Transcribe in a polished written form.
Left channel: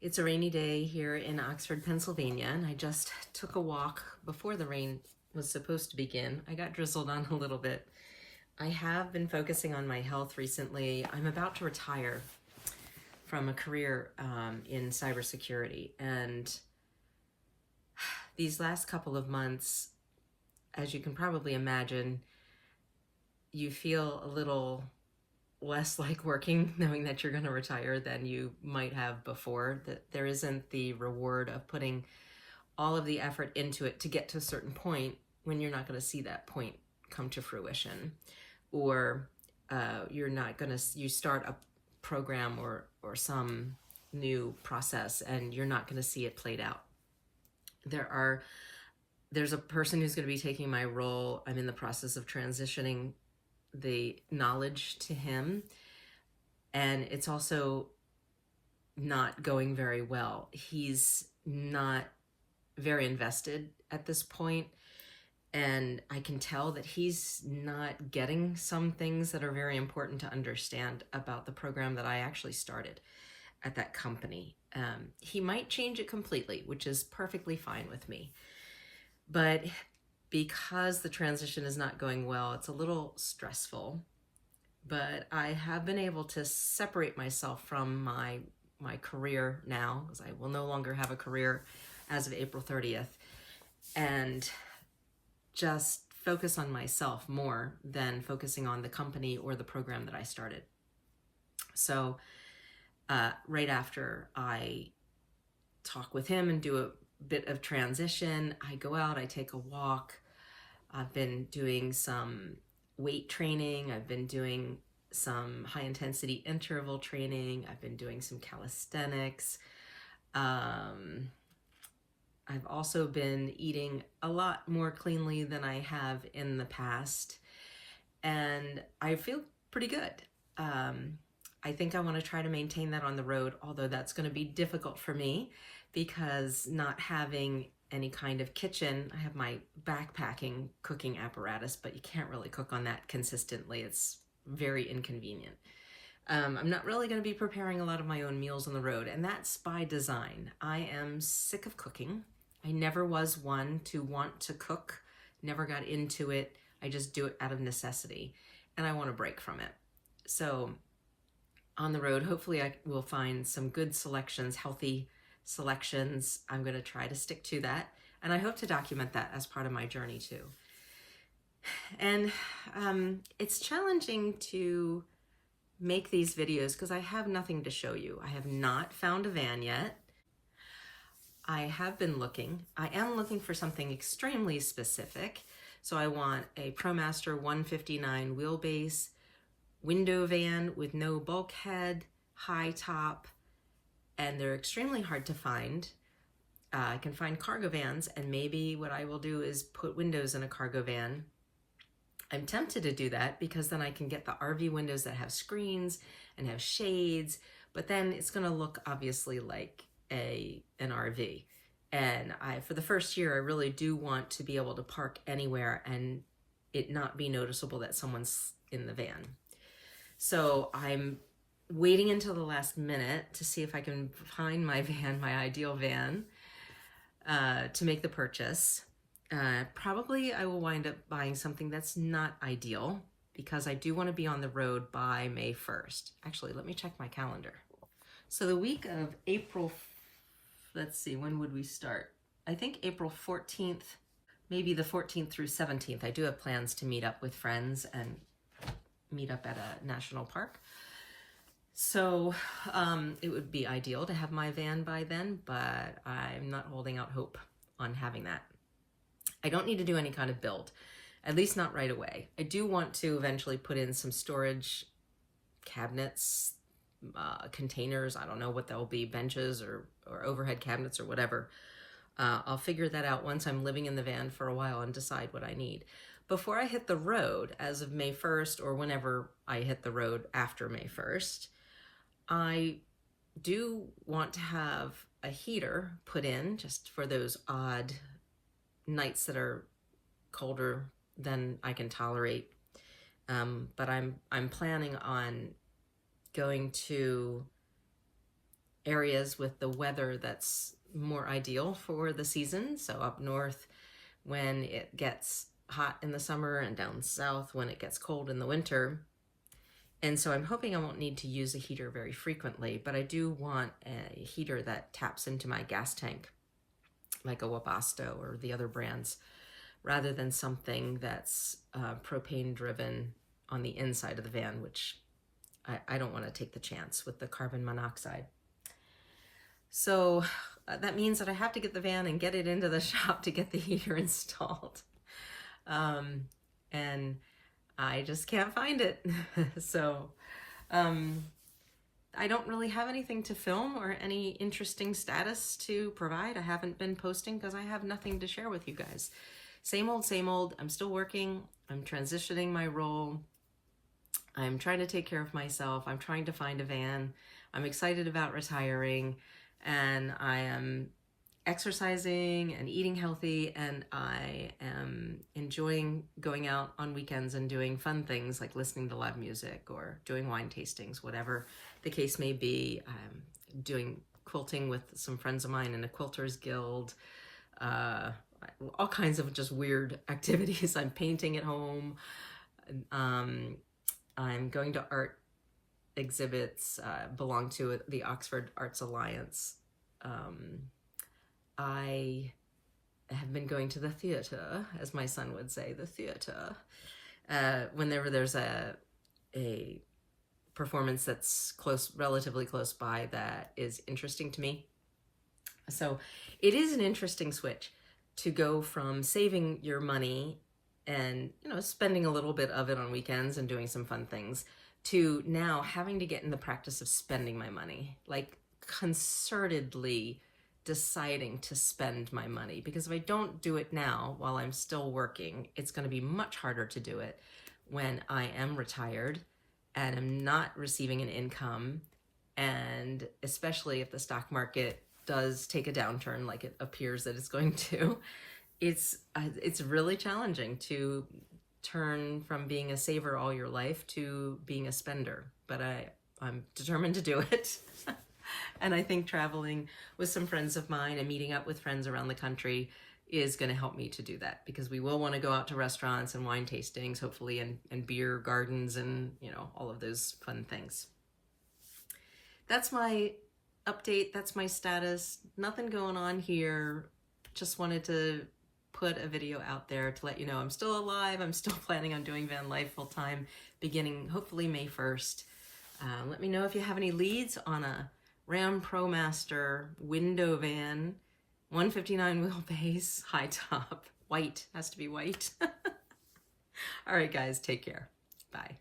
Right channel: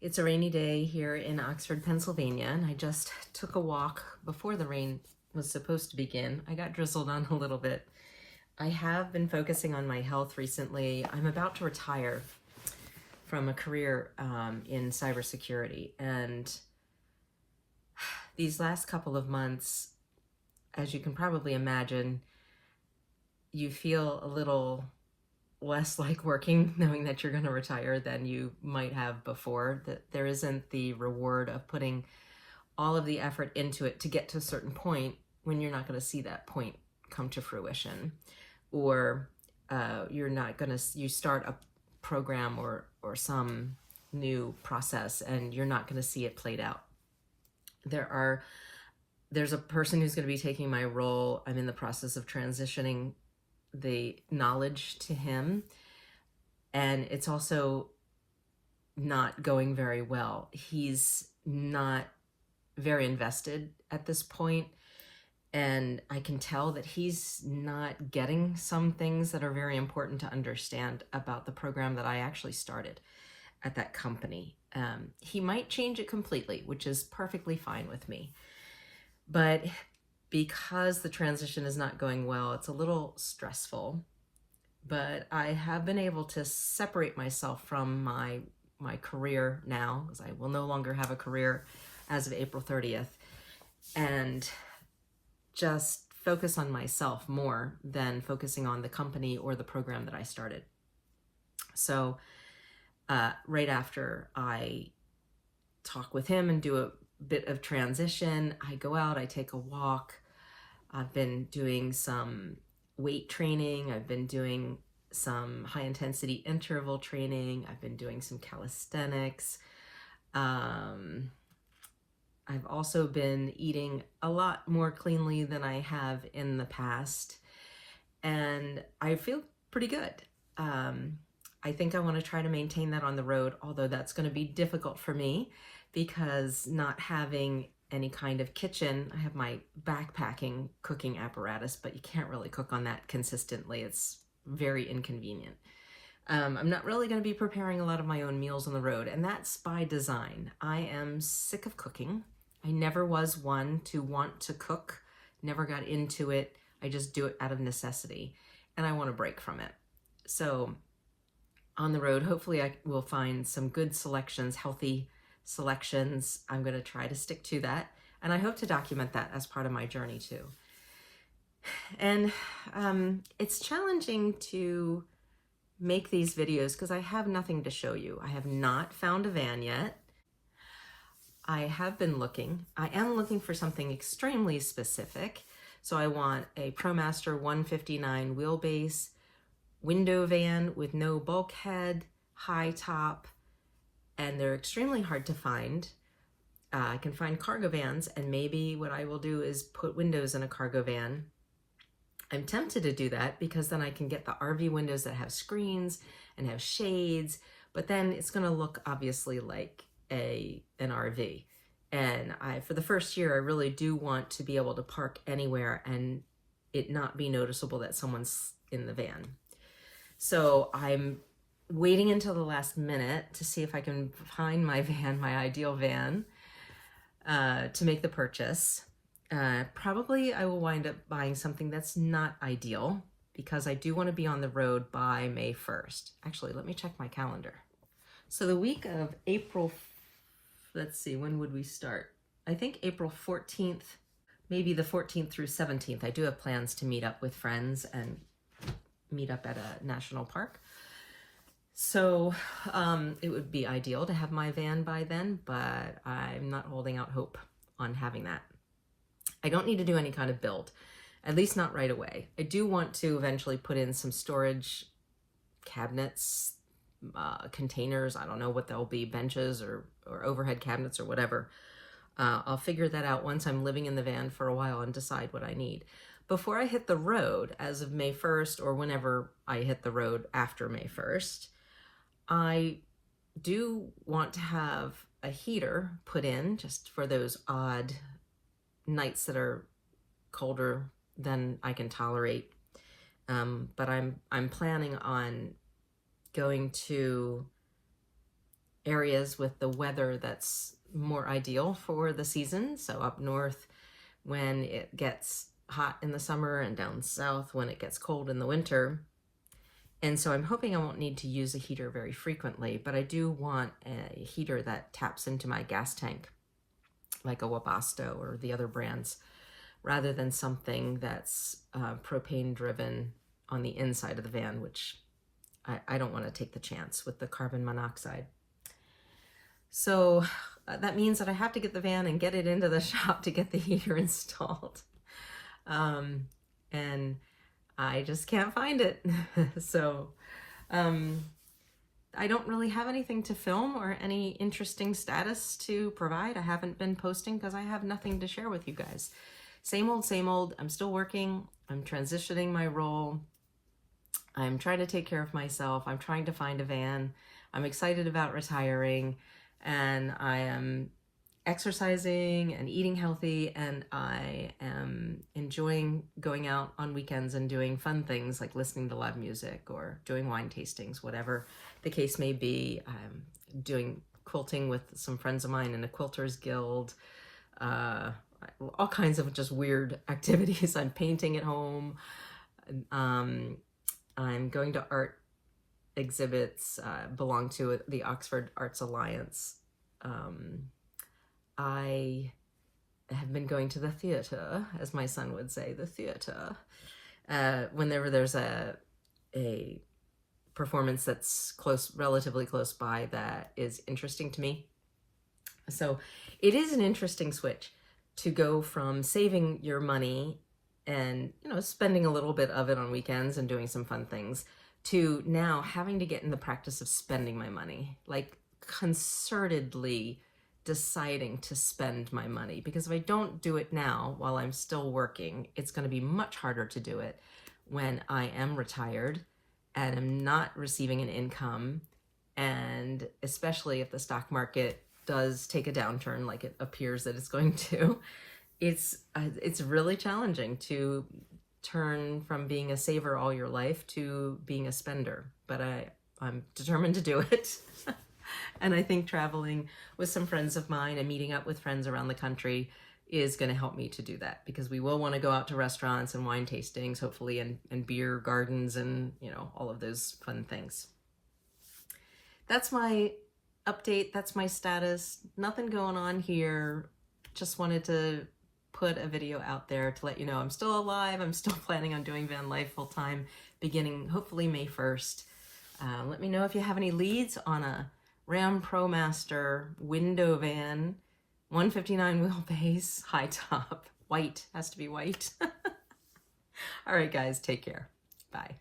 It's a rainy day here in Oxford, Pennsylvania, and I just took a walk before the rain was supposed to begin. I got drizzled on a little bit. I have been focusing on my health recently. I'm about to retire from a career in cybersecurity, and these last couple of months, as you can probably imagine, you feel a little less like working knowing that you're going to retire than you might have before, that there isn't the reward of putting all of the effort into it to get to a certain point when you're not going to see that point come to fruition, or you're not going to, you start a program or some new process and you're not going to see it played out. There's a person who's going to be taking my role. I'm in the process of transitioning the knowledge to him, and it's also not going very well. He's not very invested at this point, and I can tell that he's not getting some things that are very important to understand about the program that I actually started at that company. He might change it completely, which is perfectly fine with me, but because the transition is not going well, it's a little stressful. But I have been able to separate myself from my career now, because I will no longer have a career as of April 30th, and just focus on myself more than focusing on the company or the program that I started. So right after I talk with him and do a bit of transition, I go out, I take a walk. I've been doing some weight training. I've been doing some high intensity interval training. I've been doing some calisthenics. I've also been eating a lot more cleanly than I have in the past, and I feel pretty good. I think I want to try to maintain that on the road, although that's going to be difficult for me because not having any kind of kitchen. I have my backpacking cooking apparatus, but you can't really cook on that consistently. It's very inconvenient. I'm not really going to be preparing a lot of my own meals on the road, and that's by design. I am sick of cooking. I never was one to want to cook, never got into it. I just do it out of necessity, and I want to break from it. So on the road, hopefully I will find some good selections, healthy selections. I'm going to try to stick to that, and I hope to document that as part of my journey too. And it's challenging to make these videos because I have nothing to show you. I have not found a van yet. I have been looking. I am looking for something extremely specific. So I want a ProMaster 159 wheelbase window van with no bulkhead, high top, and they're extremely hard to find. I can find cargo vans, and maybe what I will do is put windows in a cargo van. I'm tempted to do that because then I can get the RV windows that have screens and have shades, but then it's going to look obviously like an RV. And for the first year, I really do want to be able to park anywhere and it not be noticeable that someone's in the van. So I'm waiting until the last minute to see if I can find my van, my ideal van, to make the purchase. Probably I will wind up buying something that's not ideal because I do want to be on the road by May 1st. Actually, let me check my calendar. So the week of April, let's see, when would we start? I think April 14th, maybe the 14th through 17th. I do have plans to meet up with friends and meet up at a national park. So it would be ideal to have my van by then, but I'm not holding out hope on having that. I don't need to do any kind of build, at least not right away. I do want to eventually put in some storage cabinets, containers. I don't know what they'll be, benches or overhead cabinets or whatever. I'll figure that out once I'm living in the van for a while and decide what I need. Before I hit the road, as of May 1st, or whenever I hit the road after May 1st, I do want to have a heater put in just for those odd nights that are colder than I can tolerate. But I'm planning on going to areas with the weather that's more ideal for the season. So up north when it gets hot in the summer, and down south when it gets cold in the winter. And so I'm hoping I won't need to use a heater very frequently, but I do want a heater that taps into my gas tank, like a Webasto or the other brands, rather than something that's propane driven on the inside of the van, which I don't want to take the chance with the carbon monoxide. So that means that I have to get the van and get it into the shop to get the heater installed. And I just can't find it. So I don't really have anything to film or any interesting status to provide. I haven't been posting because I have nothing to share with you guys. Same old, same old. I'm still working. I'm transitioning my role. I'm trying to take care of myself. I'm trying to find a van. I'm excited about retiring, and I am exercising and eating healthy, and I am enjoying going out on weekends and doing fun things like listening to live music or doing wine tastings, whatever the case may be. I'm doing quilting with some friends of mine in a quilters guild, all kinds of just weird activities. I'm painting at home. I'm going to art exhibits, belong to the Oxford Arts Alliance. I have been going to the theater, as my son would say, the theater, whenever there's a performance that's relatively close by that is interesting to me. So it is an interesting switch to go from saving your money and, spending a little bit of it on weekends and doing some fun things, to now having to get in the practice of spending my money, like concertedly deciding to spend my money. Because if I don't do it now while I'm still working, it's going to be much harder to do it when I am retired and am not receiving an income, and especially if the stock market does take a downturn like it appears that it's going to. It's really challenging to turn from being a saver all your life to being a spender, but I'm determined to do it. And I think traveling with some friends of mine and meeting up with friends around the country is going to help me to do that, because we will want to go out to restaurants and wine tastings, hopefully, and beer gardens and, all of those fun things. That's my update. That's my status. Nothing going on here. Just wanted to put a video out there to let you know I'm still alive. I'm still planning on doing van life full time, beginning hopefully May 1st. Let me know if you have any leads on a Ram ProMaster window van, 159 wheelbase, high top, white, has to be white. All right, guys, take care. Bye.